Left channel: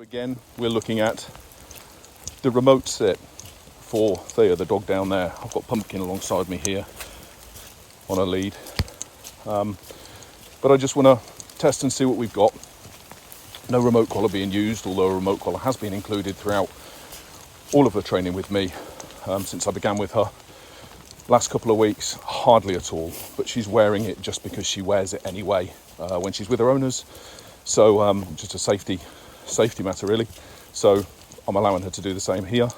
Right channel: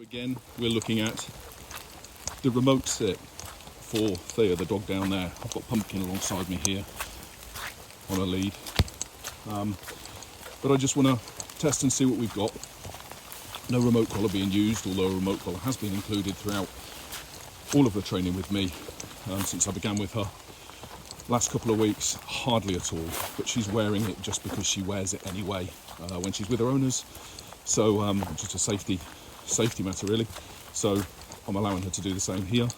Again, we're looking at the remote sit for Thea, the dog down there. I've got Pumpkin alongside me here on a lead. But I just want to test and see what we've got. No remote collar being used, although a remote collar has been included throughout all of her training with me since I began with her. Last couple of weeks, hardly at all, but she's wearing it just because she wears it anyway when she's with her owners. So just a safety matter really. So I'm allowing her to do the same here.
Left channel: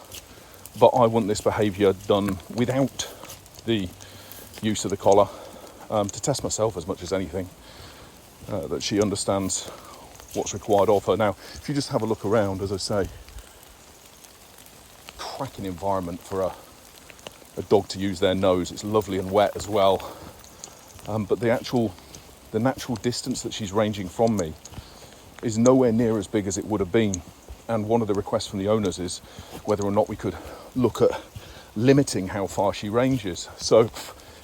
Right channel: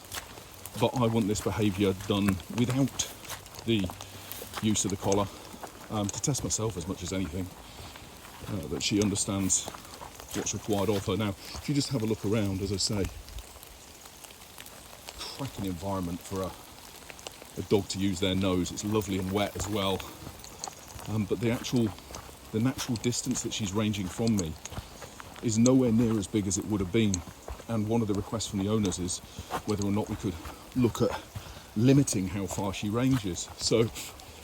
But I want this behaviour done without the use of the collar to test myself as much as anything, that she understands what's required of her. Now, if you just have a look around, as I say, cracking environment for a dog to use their nose. It's lovely and wet as well. But the natural distance that she's ranging from me is nowhere near as big as it would have been. And one of the requests from the owners is whether or not we could look at limiting how far she ranges. So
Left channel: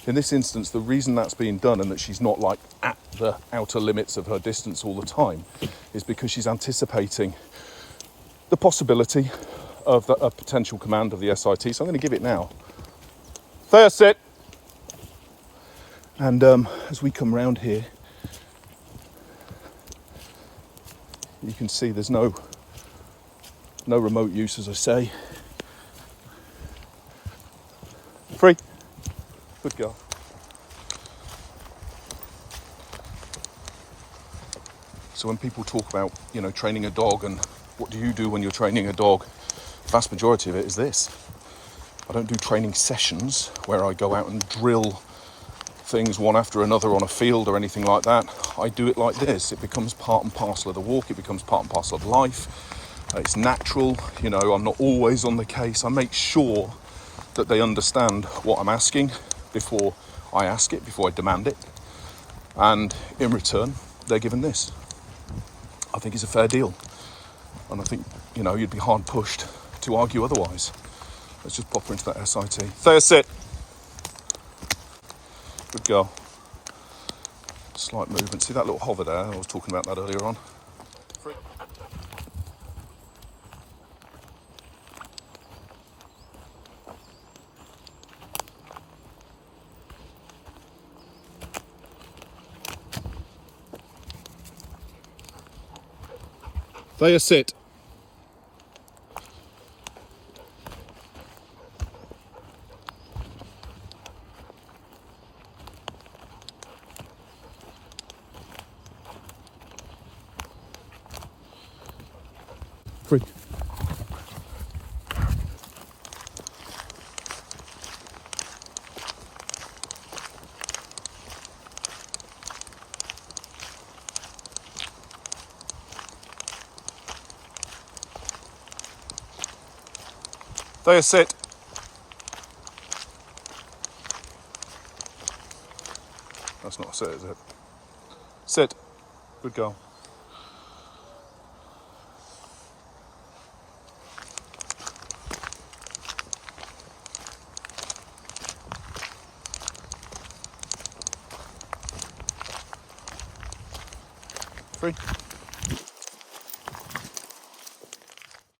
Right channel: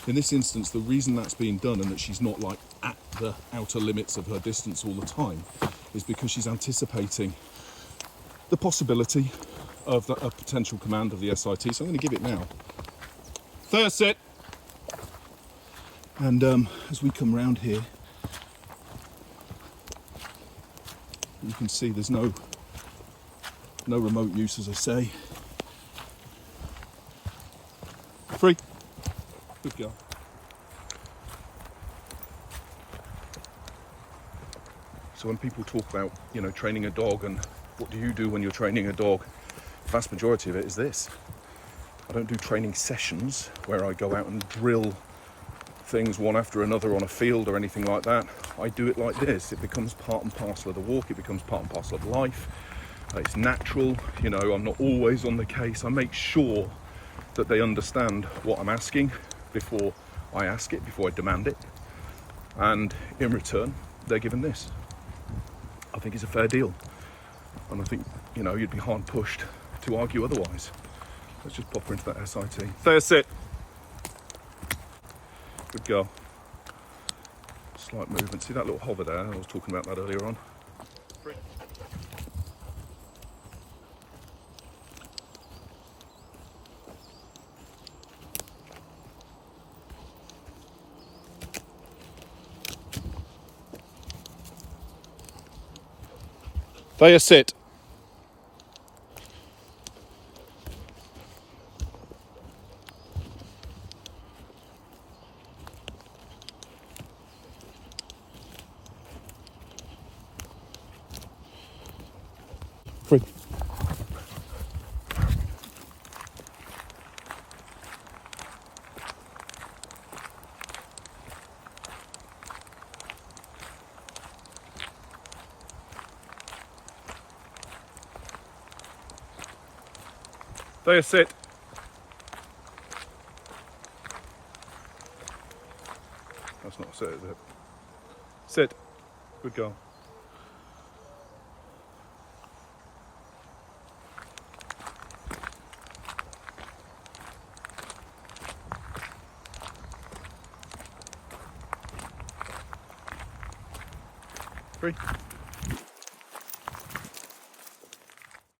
in this instance, the reason that's being done and that she's not like at the outer limits of her distance all the time is because she's anticipating the possibility of a potential command of the SIT. So I'm going to give it now. Thea, sit. And as we come round here, you can see there's no remote use, as I say. Free. Good girl. So when people talk about, training a dog and what do you do when you're training a dog, the vast majority of it is this. I don't do training sessions where I go out and drill things one after another on a field or anything like that. I do it like this. It becomes part and parcel of the walk. It becomes part and parcel of life. It's natural. I'm not always on the case. I make sure that they understand what I'm asking before I ask it, before I demand it. And in return, they're given this. I think it's a fair deal. And I think, you'd be hard pushed to argue otherwise. Let's just pop her into that SIT. Thea, sit. Good girl. Slight movement. See that little hover there? I was talking about that earlier on. Thea, sit. Free. Thea, sit. That's not a sit, is it? Sit. Good girl. Free.